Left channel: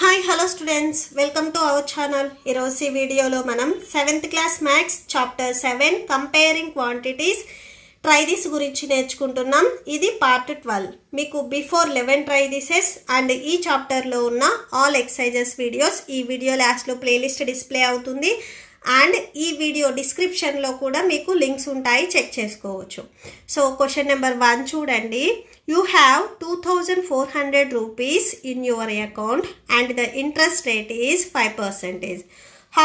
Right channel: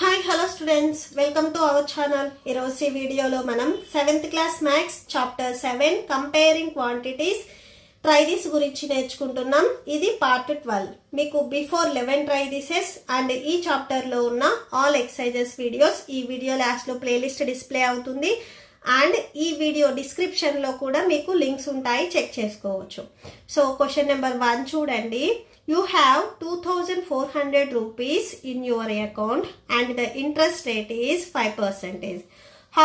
Hi, hello students. Welcome to our channel. Ee video lo manam 7th class maths chapter 7 comparing quantities try this gurinchi నేర్చుకుంటున్నాం. ఇది part 12. మీకు before 11 try thises and ఈ chapter లో ఉన్న all exercises videos ఈ video last లో playlist display అవుతుంది. And ఈ వీడియో డిస్క్రిప్షన్ లో కూడా మీకు లింక్స్ ఉంటాయి, చెక్ చేసుకోవచ్చు. సో క్వశ్చన్ నెంబర్ 1 చూడండి. You have 2400 rupees in your account and the interest rate is 5%.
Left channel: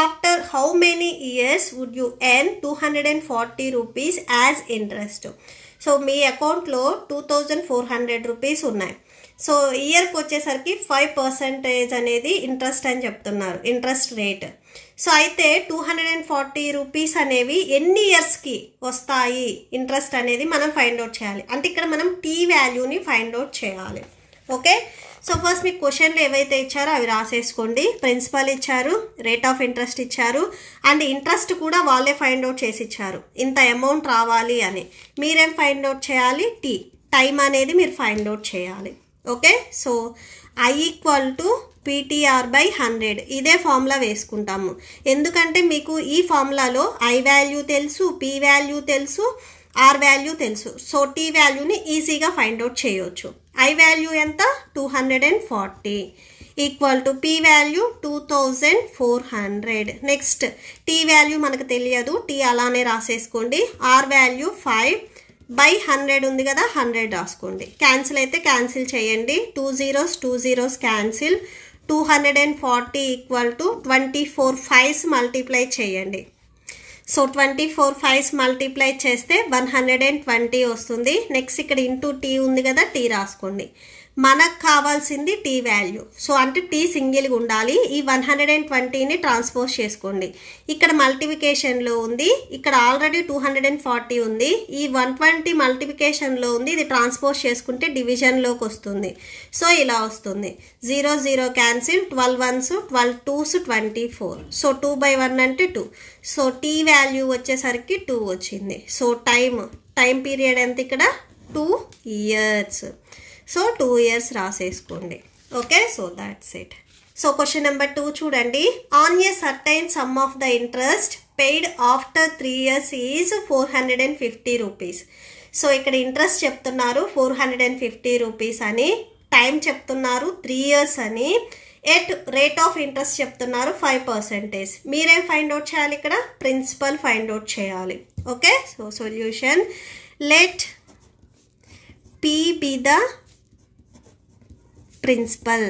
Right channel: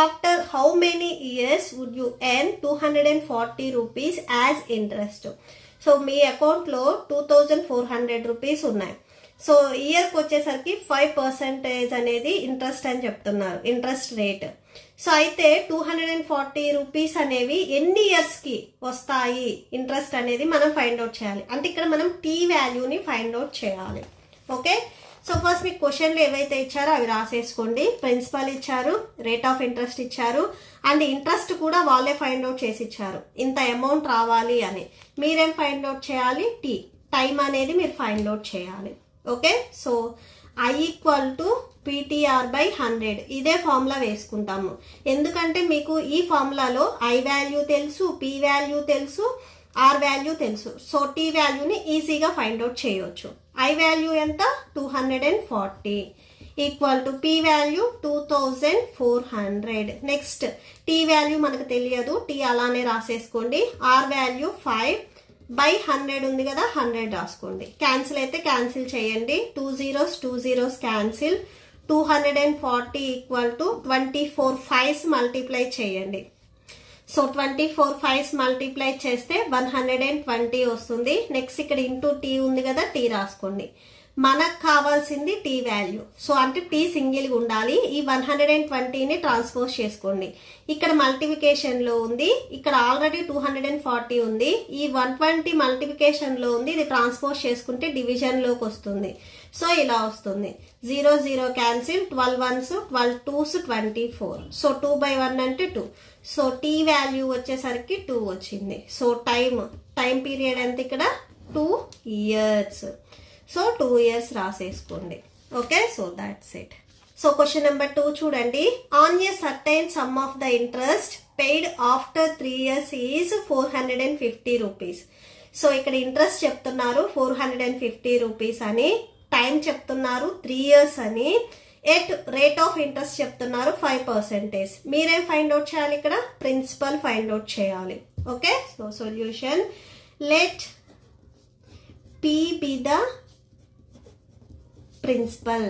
After how many years would you earn 240 rupees as interest? So me account లో 2400 rupees ఉన్నాయి. So year కి వచ్చేసరికి 5% అనేది interest అని చెప్తున్నారు, interest rate. So అయితే 240 rupees అనేవి ఎన్ని ఇయర్స్ కి వస్తాయి ఇంట్రెస్ట్ అనేది మనం ఫైండ్ అవుట్ చేయాలి. అంటే ఇక్కడ మనం టీ వాల్యూని ఫైండ్ అవుట్ చేయాలి. ఓకే, సో ఫస్ట్ మీకు క్వశ్చన్లు ఏవైతే ఇచ్చారో అవి రాసేసుకోండి. ప్రిన్సిపల్ ఇచ్చారు, రేట్ ఆఫ్ ఇంట్రెస్ట్ ఇచ్చారు, అండ్ ఇంట్రెస్ట్ కూడా వాళ్ళే ఫైండ్ అవుట్ చేసి ఇచ్చారు, ఇంత అమౌంట్ రావాలి అని. మీరేం ఫైండ్ అవుట్ చేయాలి? టీ టైం అనేది మీరు ఫైండ్ అవుట్ చేయాలి. Okay, so I equal to PTR by 100 ఇదే ఫార్ములా వేసుకుంటాము. ఎందుకంటే మీకు ఈ ఫార్ములాలో I వాల్యూ తెలుసు, P వాల్యూ తెలుసు, R వాల్యూ తెలుసు. సో T వాల్యూని ఈజీగా ఫైండ్ అవుట్ చేయొచ్చు. I వాల్యూ ఎంత? 240 equal to P value 2400. Next T value మనకు తెలియదు, T అలానే రాసేసుకోండి. R వాల్యూ 5 by 100 ఉంది కదా, 100 రాసుకోండి. క్యాన్సిల్ అయితే క్యాన్సిల్ చేయండి. 2 zeros cancel. 240 equal to 24 5s multiply చేయండి. సో 24 5s మల్టిప్లై చేస్తే 120 వస్తుంది. నెక్స్ట్ ఇక్కడ ఇంటూ టీ ఉంది కదా, టీ రాసుకోండి. మనకు కావాల్సింది టీ వాల్యూ. సో అంటే టీ సింగిల్గా ఉండాలి. ఈ 120ని ట్రాన్స్పోజ్ చేసుకోండి. ఇక్కడ మల్టిప్లికేషన్లో ఉంది, ఇక్కడ ఆల్రెడీ 240 ఉంది. ఈ 120 మల్టిప్లికేషన్లో ఉంది, ఇది ట్రాన్స్పోజ్ చేసుకుంటే డివిజన్లోకి వస్తుంది. సో ఇలా వస్తుంది. 0 0 cancel. 12 1s 12 2s 24. So 2 by 1 అంటే 2. సో టీ వాల్యూ వచ్చేసరికి 2 వచ్చింది. సో టైం పీరియడ్ ఎంత ఇక్కడ? 2 years. సో 2 years రాసేసుకోండి. Okay, so that's it. So question number 2 చూడండి. On a certain sum of the interest paid after 3 years is 450 rupees. So ఇక్కడ interest చెప్తున్నారు 450 rupees అని, time చెప్తున్నారు 3 years అని, ఎట్ రేట్ ఆఫ్ ఇంట్రెస్ట్ చెప్తున్నారు 5%. మీరేం find out చేయాలి? ఇక్కడ ప్రిన్సిపల్ ఫైండ్ అవుట్ చేయాలి. Okay, so solution. Let P be the principal.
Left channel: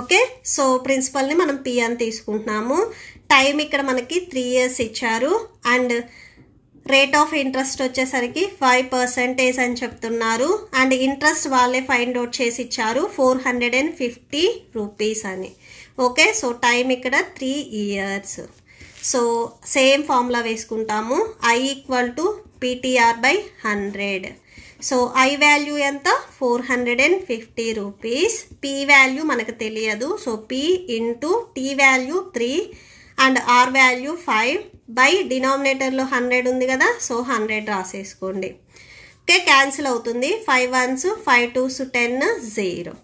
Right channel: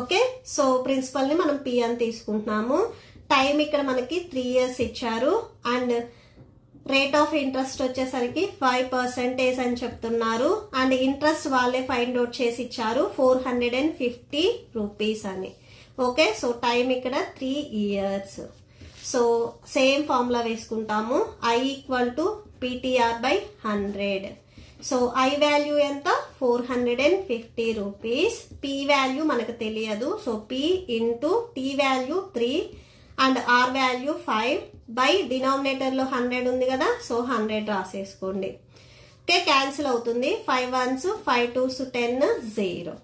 Okay, so ప్రిన్సిపల్ని మనం P అని తీసుకుంటున్నాము. టైం ఇక్కడ మనకి 3 years ఇచ్చారు, అండ్ రేట్ ఆఫ్ ఇంట్రెస్ట్ వచ్చేసరికి 5% అని చెప్తున్నారు, అండ్ ఇంట్రెస్ట్ వాళ్ళే ఫైండ్ అవుట్ చేసి ఇచ్చారు 450 రూపీస్ అని. ఓకే, సో టైం ఇక్కడ 3 years. సో సేమ్ ఫార్ములా వేసుకుంటాము. I equal to PTR by 100. So I value ఎంత? 450 రూపీస్. P వాల్యూ మనకు తెలియదు, so P into T value 3 and R value 5 by డినామినేటర్లో 100 ఉంది కదా, సో 100 రాసేసుకోండి. ఓకే, క్యాన్సిల్ అవుతుంది. 5 1s 5 2s 10 0.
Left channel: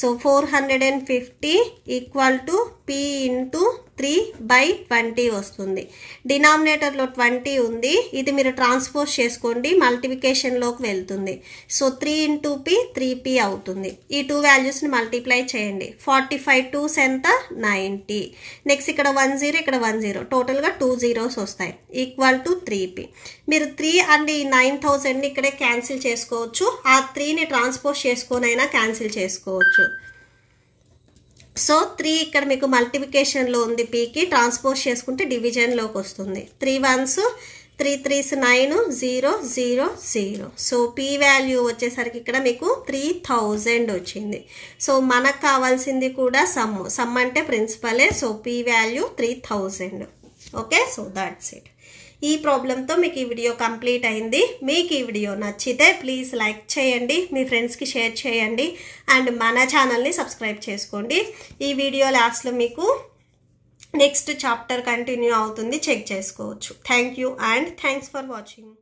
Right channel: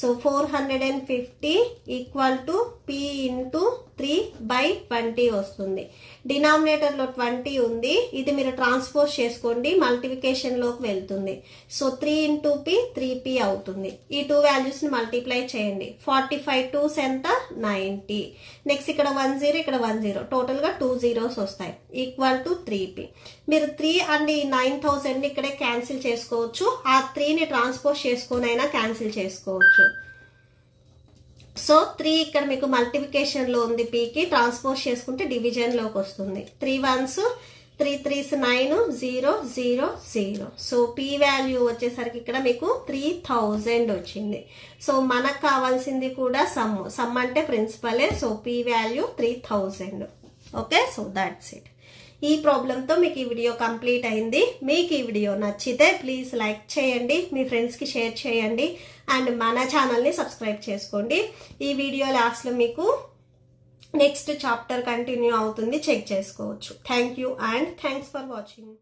So 450 equal to P into 3 by 20 వస్తుంది. డినామినేటర్లో 20 ఉంది, ఇది మీరు ట్రాన్స్పోజ్ చేసుకోండి, మల్టిప్లికేషన్లోకి వెళ్తుంది. సో 3 ఇంటూ P 3P అవుతుంది. ఈ 2 వాల్యూస్ని మల్టిప్లై చేయండి. 45 2s ఎంత? 90. నెక్స్ట్ ఇక్కడ 1 0, ఇక్కడ 1 0, టోటల్గా 2 zeros వస్తాయి. Equal to 3P. మీరు 3 అండ్ ఈ 9000ని ఇక్కడే క్యాన్సిల్ చేసుకోవచ్చు, ఆ 3ని ట్రాన్స్పోజ్ చేసుకొని అయినా క్యాన్సిల్ చేసుకోవచ్చు. సో 3 ఇక్కడ మీకు మల్టిప్లికేషన్లో ఉంది, పీకి ట్రాన్స్పోజ్ చేసుకుంటే డివిజన్లోకి వస్తుంది. 3 1s 3 3s 9 0 0 0. So P value వచ్చేసరికి ఇక్కడ మీకు 3000 వచ్చింది. సో మనకు కావాల్సింది కూడా సమ్ అంటే ప్రిన్సిపలే. So P value 3000. Okay, so that's it. ఈ ప్రాబ్లంతో మీకు ఈ వీడియో కంప్లీట్ అయింది. మీకు ఈ వీడియో నచ్చితే ప్లీజ్ లైక్ చేయండి, మీ ఫ్రెండ్స్కి షేర్ చేయండి, అండ్ మన ఛానల్ని సబ్స్క్రైబ్ చేసుకోండి. ఈ వీడియో లాస్ట్లో మీకు నెక్స్ట్ చాప్టర్ కంటిన్యూ అవుతుంది, చెక్ చేసుకోవచ్చు. Thank you and thanks for watching.